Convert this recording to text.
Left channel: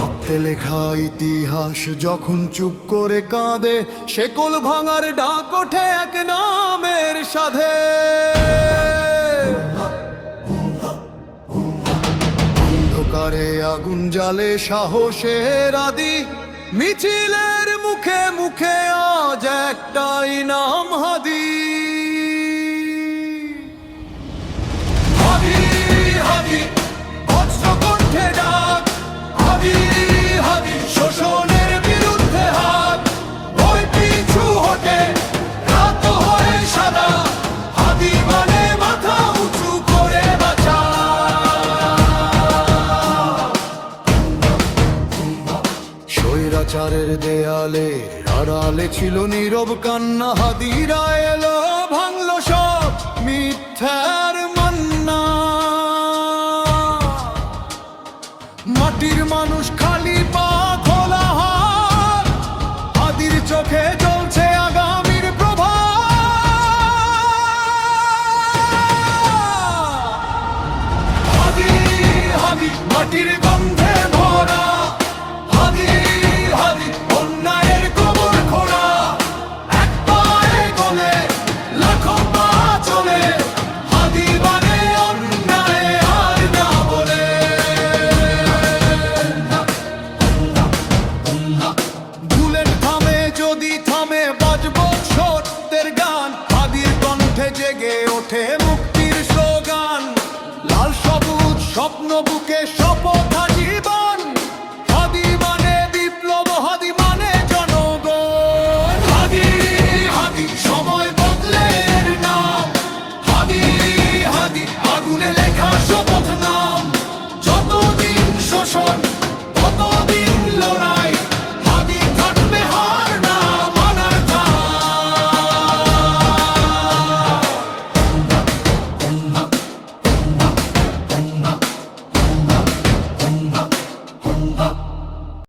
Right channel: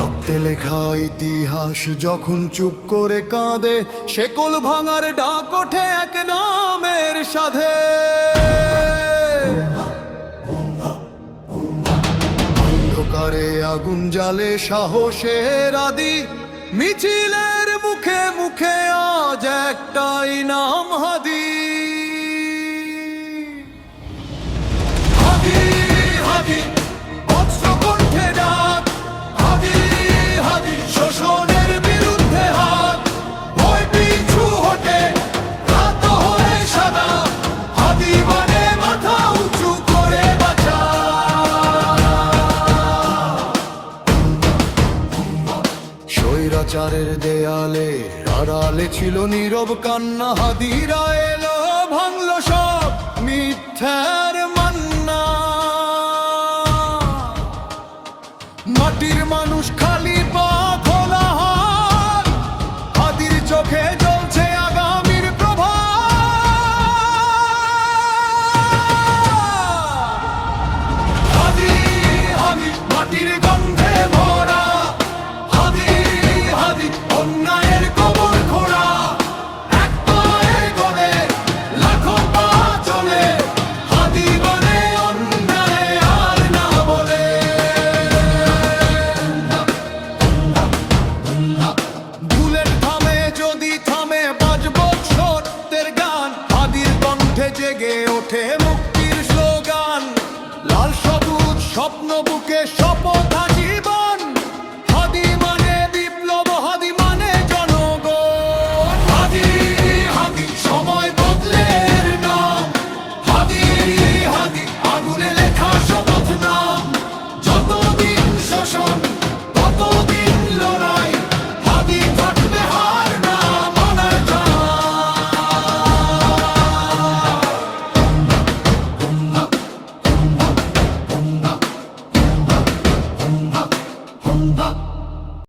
রক্তে লেখা ইতিহাস যখন চুপ করে কাঁদে, শেকল ভাঙার ডাক ওঠে এক নামের সাধে। অন্ধকারে আগুন জালে সাহসের আদি, মিছিলের মুখে মুখে আজ একটাই নাম হাদি। হাদি হাদি বজ্র কণ্ঠে ডাক স্বৈরাচারের দেয়ালে, আড়ালে ছিল নীরব কান্না, হাদিরা এলো, ভাঙলো সব মিথ্যার মান্না। মাটির মানুষ খালি পা খোলা হাত, হাদির চোখে জ্বলছে আগামীর প্রভা হাদি হাদি মাটির গন্ধে হাদি অন্যায়ের কবর হাদি মানে বুলেট থামে, যদি থামে, বাজবো সত্যের গান। হাদির কণ্ঠে জেগে ওঠে মুক্তির স্লোগান। লাল সবুজ স্বপ্ন বুকে শপথ হাজি Lake Hart.